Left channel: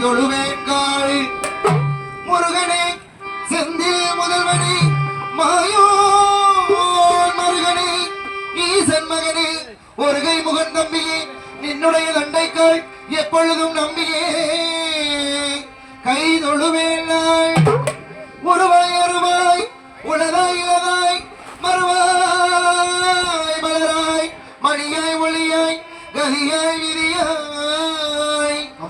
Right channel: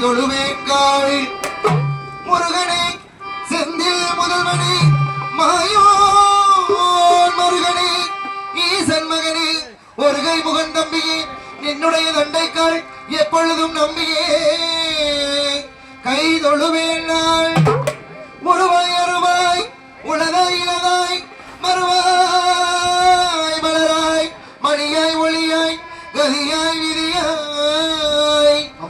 தொழுவேன் காலில் முருகனே செந்தில் முதல்வனே மாயோன் முருகனே ஈசன் மகனே ஒருகை முகன் தம்பியே என்னுடைய தண்டைக்கால் எப்பொழுதும் நம்பியே. கை தொழுவேன் நான் உருவாய் அருவாய் உளதாய் இளதாய் மறுவாய் மலராய் மணியாய் ஒளியாய் கதியாய் விதி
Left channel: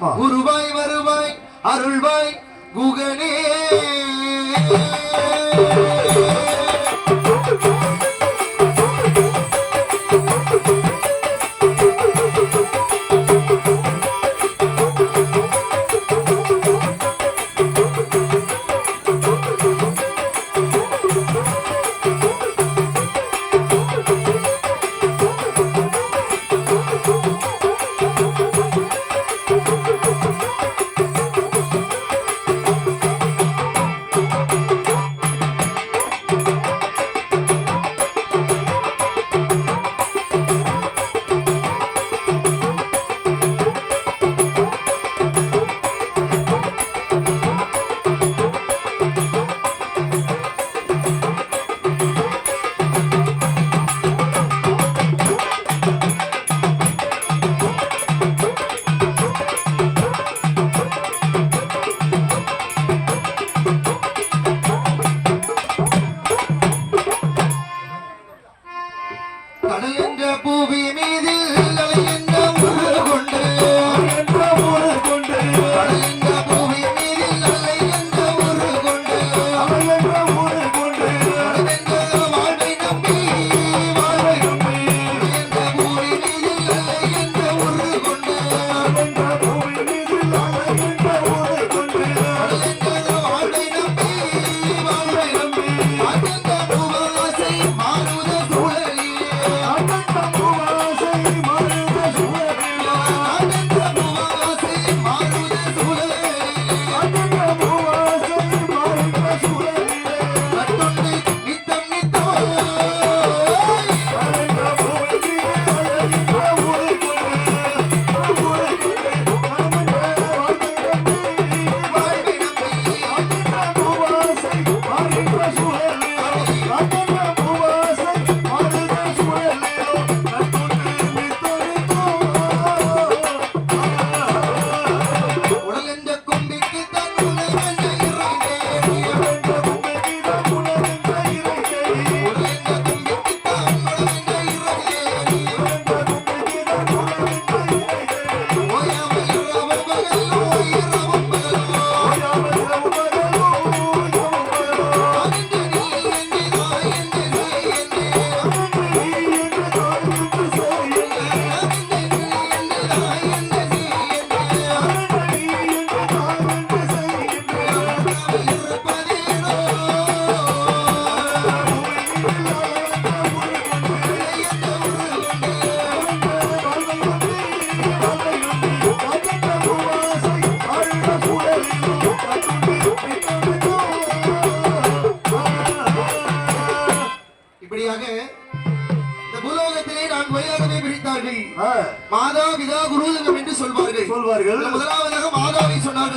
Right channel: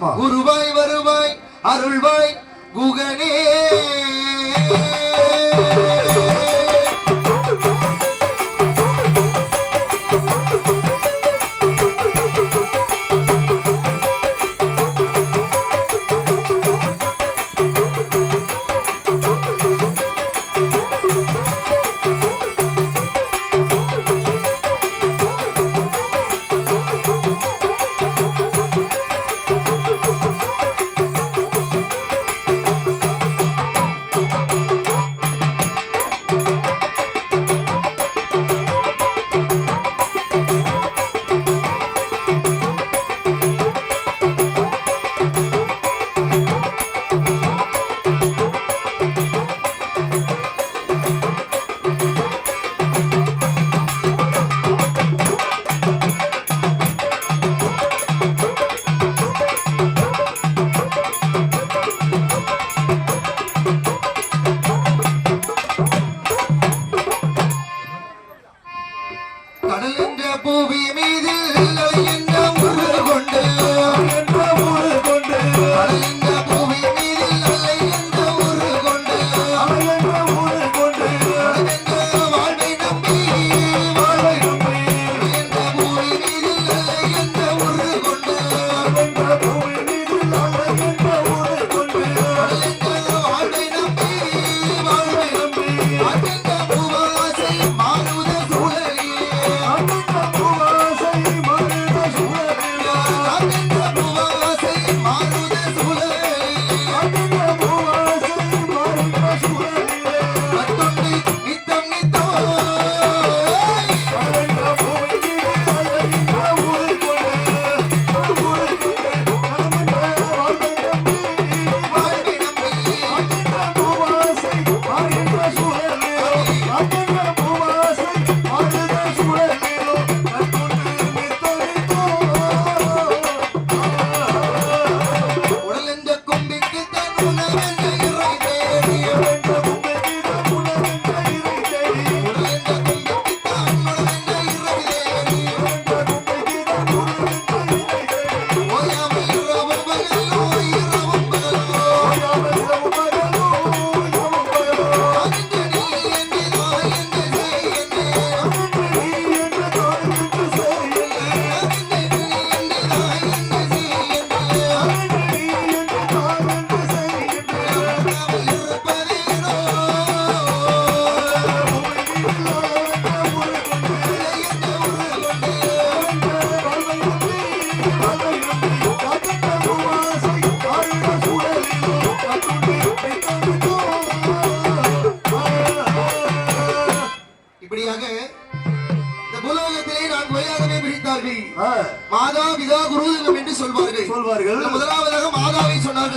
குருவாய் வருவாய் அருள்வாய் குகனே.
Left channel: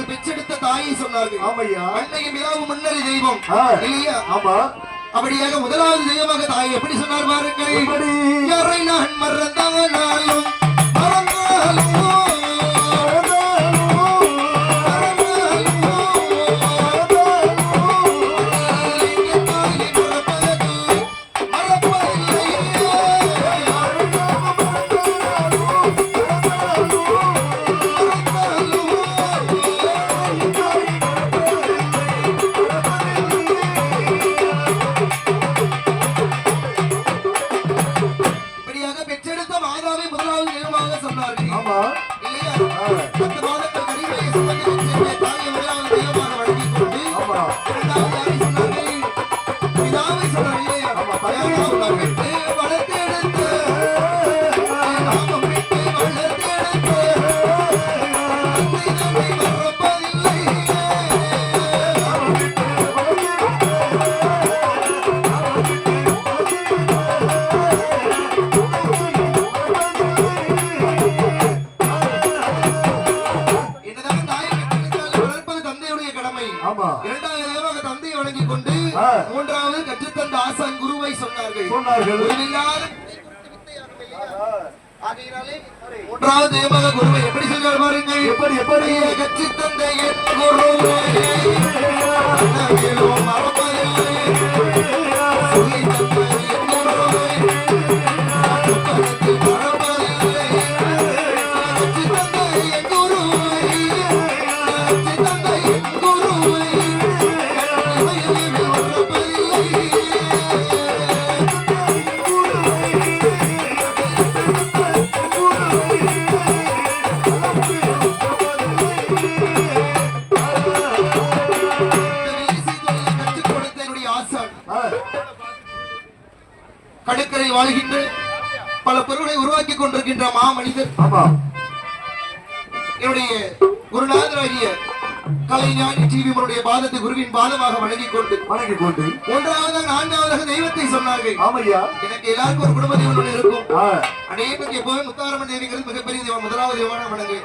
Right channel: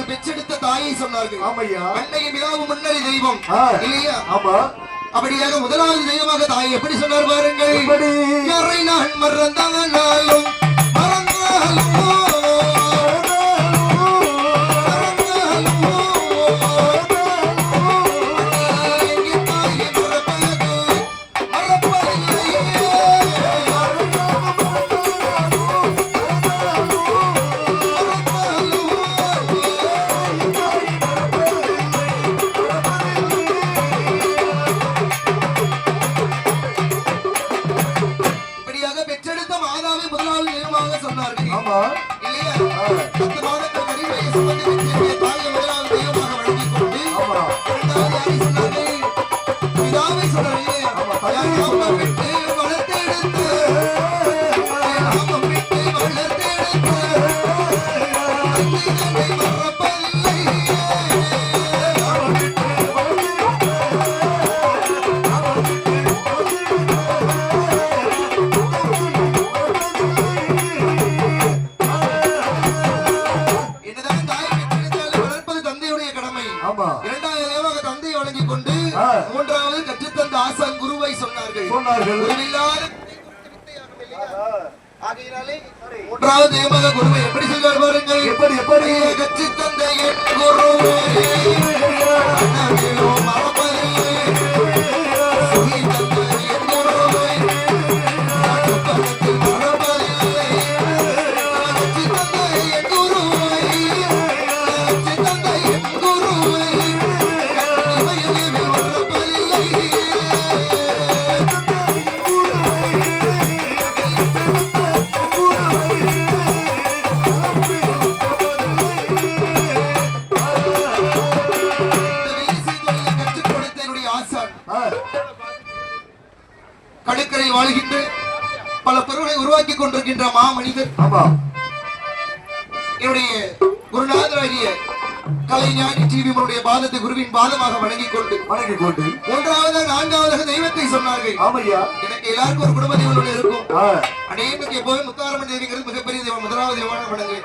தான் பெற்றெடுத்த தாயை சொன்னார்கள். ஆமையா? அன்னையும் பிதாவும் முன்னறி தெய்வம். இல்லையா? அப்படியாக முதலாவது தெய்வமாக தாய் எப்படி சொன்னார் பாருங்கள். மறந்தாலும் மறந்தாலும் மூன்றாவது ஏமாக குருவை எப்படி சொல்றார் பாருங்கள்? எப்படி எப்படி? என் குருவே பாதமாக வணங்கிக் கொண்டு வணங்கி கொண்டு. மூன்றாவது நான்காவதாக தெய்வத்தை சொன்னார்கள். ஆமையா? எனக்கு எல்லாருக்கும் ஒரு குடும்ப தெய்வம் இருக்கும். ஆ, அநேகருக்கு எப்போதும் முத்தாரம்மன் தேவிங்கிறது மிகப்பெரிய தெய்வம் முதலாவது தெய்வமான வணங்கு.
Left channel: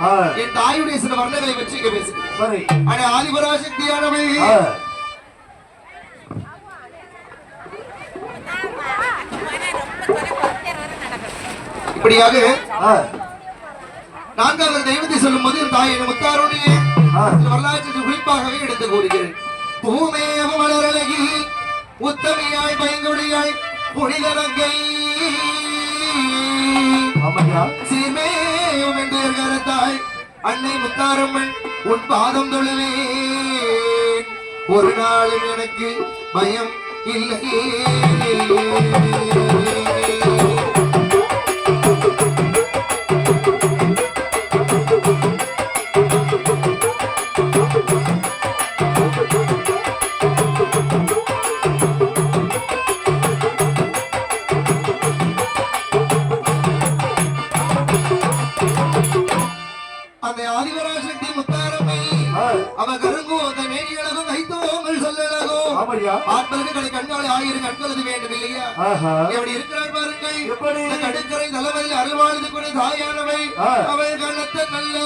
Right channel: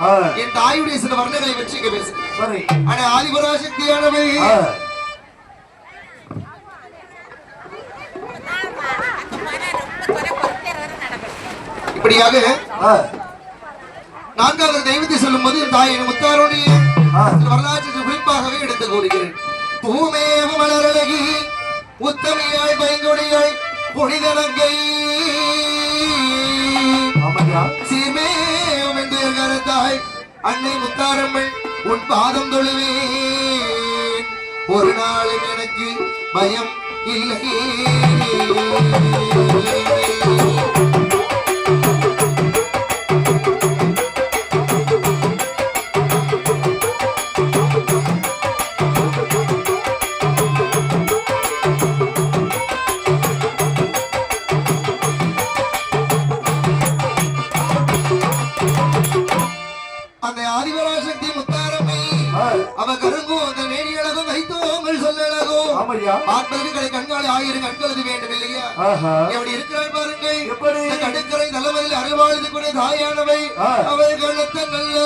என் தாயுடைய சில வர்ணங்களை பற்றி இங்க பேசுகிறேன். அடே ஆதிபராசக்தியானவை இப்படியாக நான்காவது தெய்வத்தை சொல்லும் போது என் தாயை முத்தாருடைய. வரலாற்று குறிப்பாகவே எடுத்து கூறுகிறேன். பூமேவ மலரழகி உத்தமியாய் பைங்கொடியாய் புனிதனங்கை சீமேவம் என்று கரத்தாய் அன்னை முத்தாரம்மன் உன் பாதம் தொழுவேன். ஒரு நாளும் எனக்கு பயம் இல்லை. எப்படி? இந்த கடற்கரை தலைவரில் கூட தாயானவை. அவள் கண்ணத்து நல்ல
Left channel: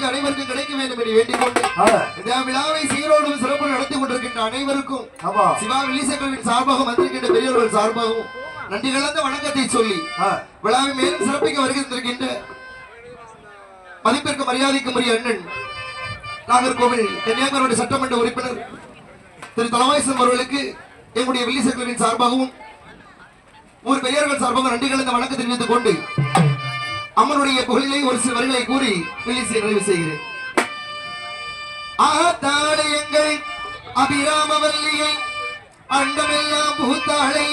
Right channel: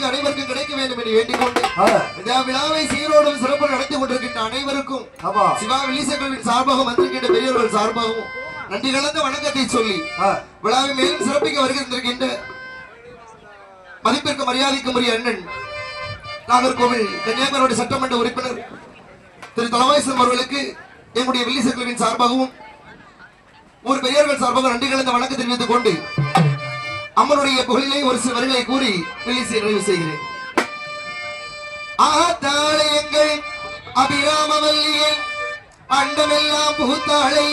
இன்றைக்கு அனைவருக்கும் கிடைக்க வேண்டும் என்று வேண்டிக் கொண்டு இந்த விழாவை சீரோடும் சிறப்பு நடத்தி கொண்டிருக்கின்ற அனைவருக்கும் சிவா வில்லிசக்கரவின் சார்பாக வந்திருக்கின்ற பெரியவர்கள் சார்பாகவும் நன்றி கலந்த வணக்கத்தை சொல்லி விழாவை மேலும் சிறப்பிக்க வருகின்ற மதிப்பிற்கு மரியாதைக்குரிய அண்ணன் நாகர்கோவில் கன்னியாகுமரி சட்டமன்ற உறுப்பினர் திரு தலவாய்சன் அவர்களுக்கு எங்களுடைய வில்லிசக்கரவின் சார்பாகவும் ஊர் பெரியவர்கள் சார்பாக நன்றி கலந்த வணக்கம் தெரிவித்துக் கொண்டு அம்மனுடைய புகழிலே ஒரு சில வரிகளை கூறி வில்லிசை நிறைவு செய்கிறேன். ஆத்தாளையங்கள் அபிராமவல்லியை அண்டமெல்லாம் புகுத்தாளை.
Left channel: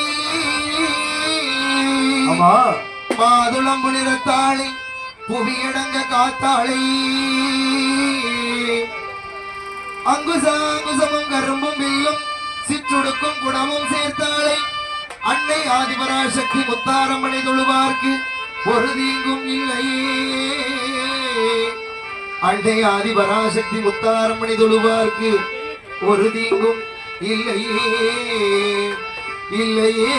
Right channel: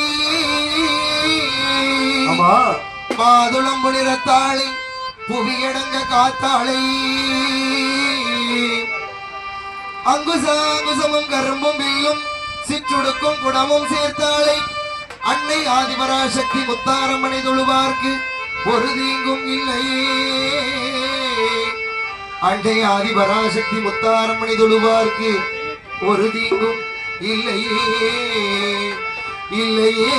மாதுளம் புனிரத்தாளை புவியடங்க காத்தாளை. அங்குசாங்குசமும் கரும்பும் வில்லும் சிற்றுடுக்கும் குடமும் சேர்த்தாளை. அன்னை ஆதிபராசக்தி முத்தாரம்மனை தொழுவார்க்கு ஒரு தீங்கும் இல்லை. அண்டை ஆதி பராசக்தி முத்தாரம்மணி தொழுவார்க்கு ஒரு தீங்கும் இல்லையே. இல்லையே.